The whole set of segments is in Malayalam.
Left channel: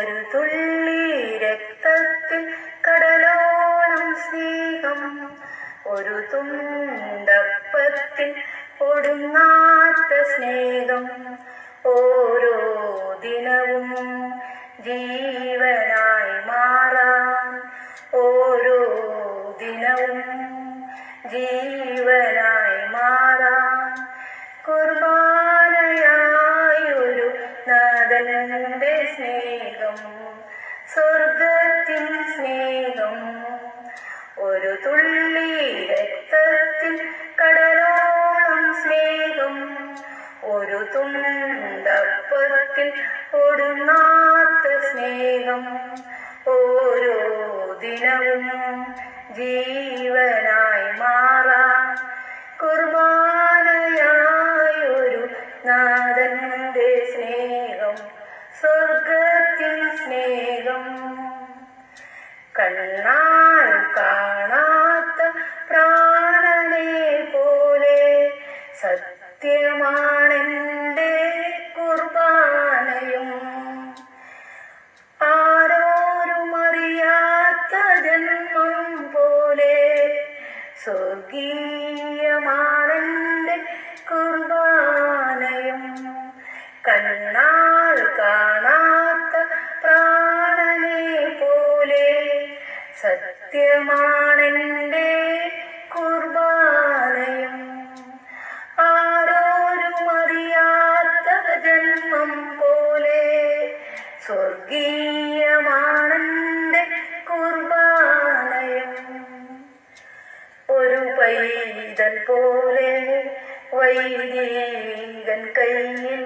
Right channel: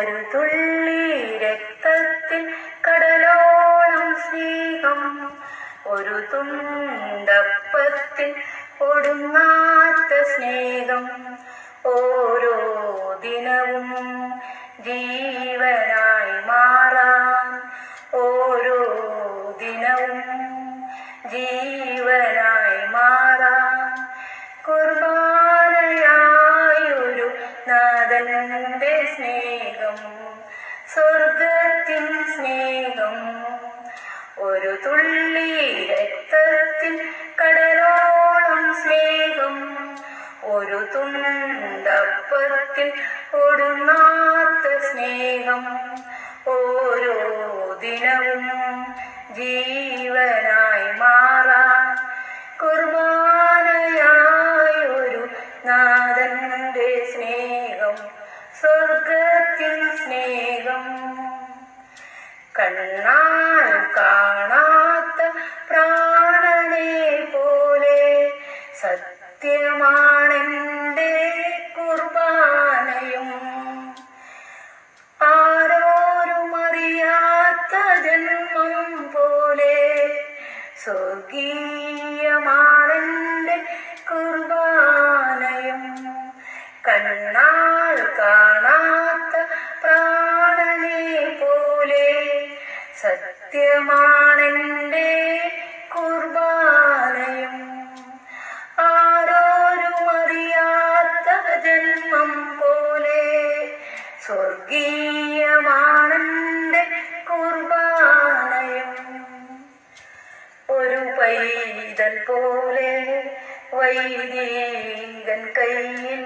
ഒരു തുള്ളി രക്തത്തിൽ കടലോളം സ്നേഹം. ഒരു തുണ്ടപ്പത്തിൽ ഒടുങ്ങാത്ത സ്നേഹം. ഓരോ ദിനവും ജീവനായി മാറാൻ ഓരോ ദിനവും ജീവനായി മാറാൻ കുർബാനയായൊരു സ്നേഹം സ്വർഗത്തിൻ സ്നേഹം. ഒരു തുള്ളി രക്തത്തിൽ കടലോളം സ്നേഹം. ഒരു തുണ്ടപ്പത്തിൽ ഒടുങ്ങാത്ത സ്നേഹം. ഓരോ ദിനവും ജീവനായി മാറാൻ കുർബാനയായൊരു നാഥന്റെ സ്നേഹം. സ്വർഗത്തിൽ സ്നേഹം. കണ്ണാൽ കാണാത്ത പ്രാണനെ പോലെ സത്യമാണെന്റെ കുർബാനയും. ആരോരും അറിയാത്ത ജന്മം പോലെ സ്വർഗീയമാണെന്റെ കുർബാനയും. കണ്ണാൽ കാണാത്ത പ്രാണനെ പോലെ സത്യമാണെന്റെ കുർബാനയും ആരോരും അറിയാത്ത ജന്മം പോലെ സ്വർഗീയമാണെന്റെ കുർബാനയും ഒരു പൈതൽ പോലെ വൈദികൻ കയ്യിൽ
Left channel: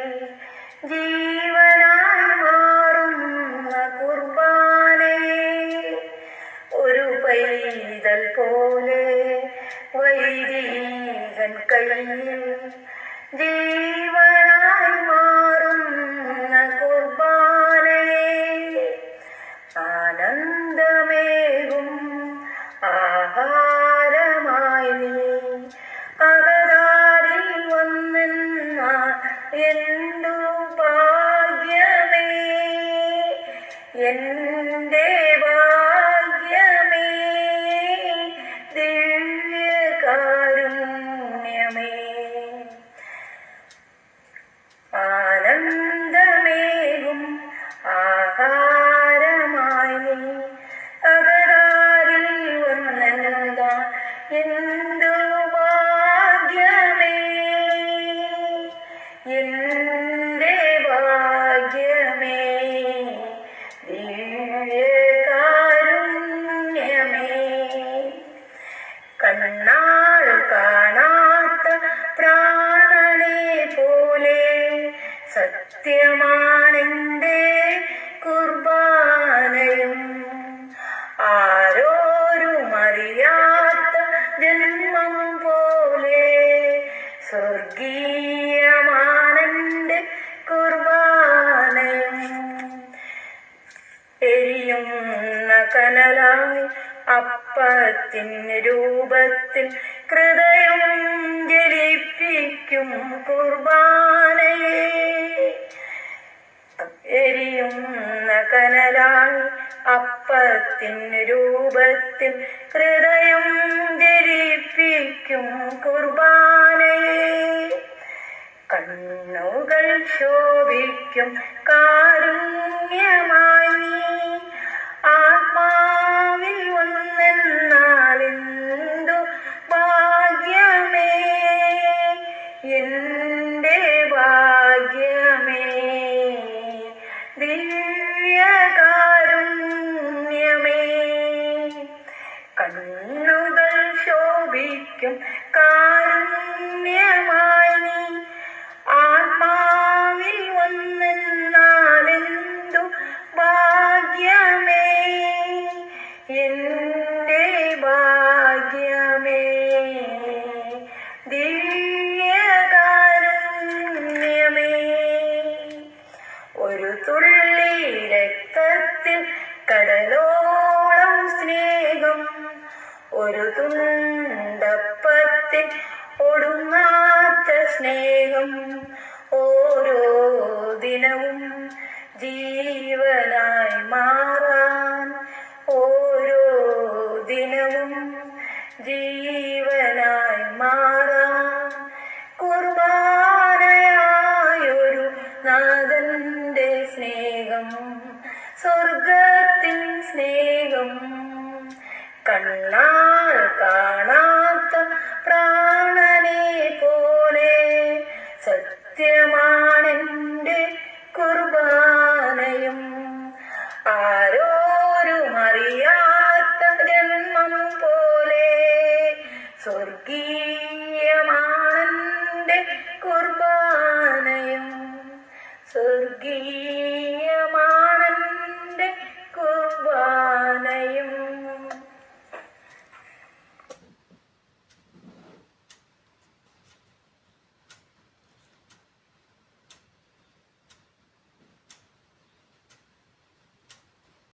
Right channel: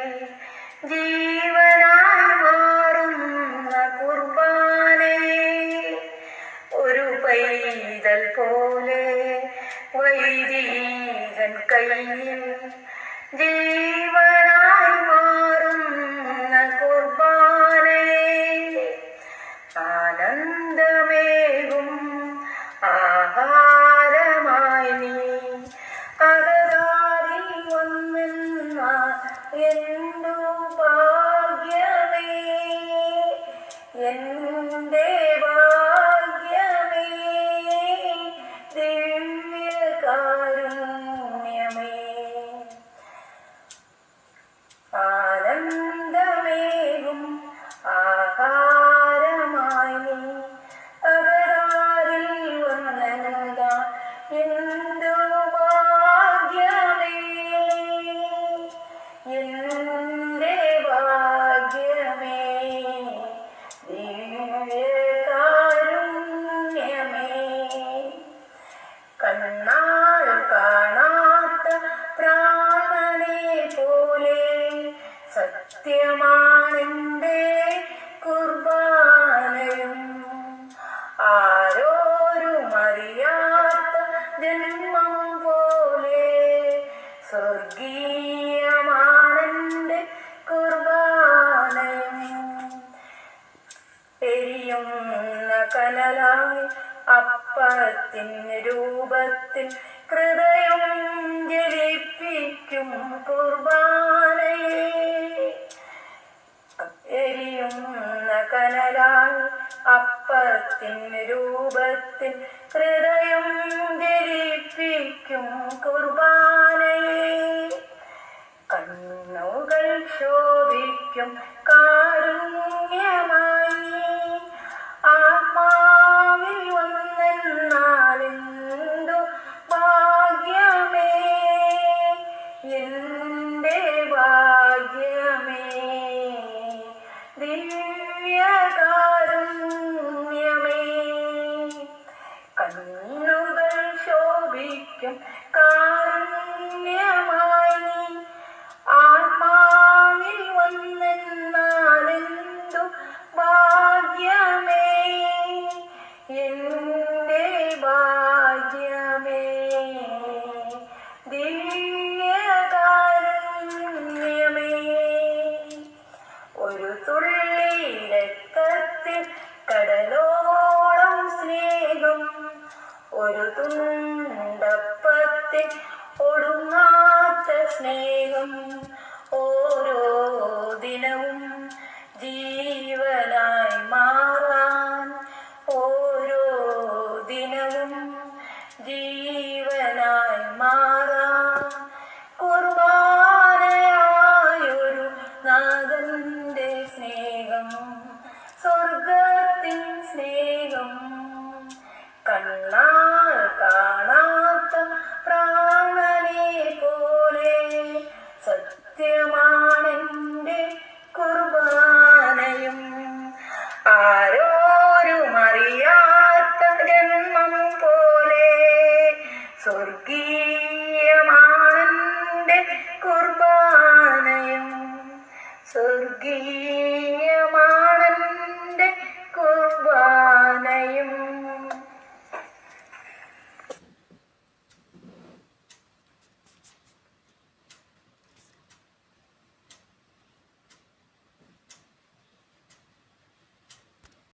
ജീവനായി മാറുന്ന കുർബാനെ ഒരു പൈതൽ പോലെ വൈദികൻ കയ്യിൽ ജീവനായി മാറുന്ന não dá. സത്യമാണെന്റെ കുർബാനയും ആരോരും അറിയാത്ത ജന്മം പോലെ സ്വർഗീയമാണെന്റെ കുർബാനയും എരിയുന്ന കനലായി അപ്പത്തിന് രൂപത്തിൽ ഹൃദയം ജലിപ്പിക്കും കുർബാനയെ. എരിയുന്ന കനലായി അപ്പത്തിൻ രൂപത്തിൽ ഹൃദയം ജലിപ്പിക്കും കുർബാനയെ. കണ്ണുകൾ ശോഭിക്കും ശോഭിക്കും കാരുണ്യമായി ആത്മാവിൽ വന്നെന്നാലെന്തു ഭാഗ്യമേ? എന്റെ ഭാഗ്യമേ. ദിവ്യകാരുണ്യമേ. ഒരു തുള്ളി രക്തത്തിൽ കടലോ സ്നേഹത്തിൻ ഒടുങ്ങാത്ത സ്നേഹം ഓരോ ദിനവും ജീവനായി മാറാൻ ഓരോ ദിനവും ജീ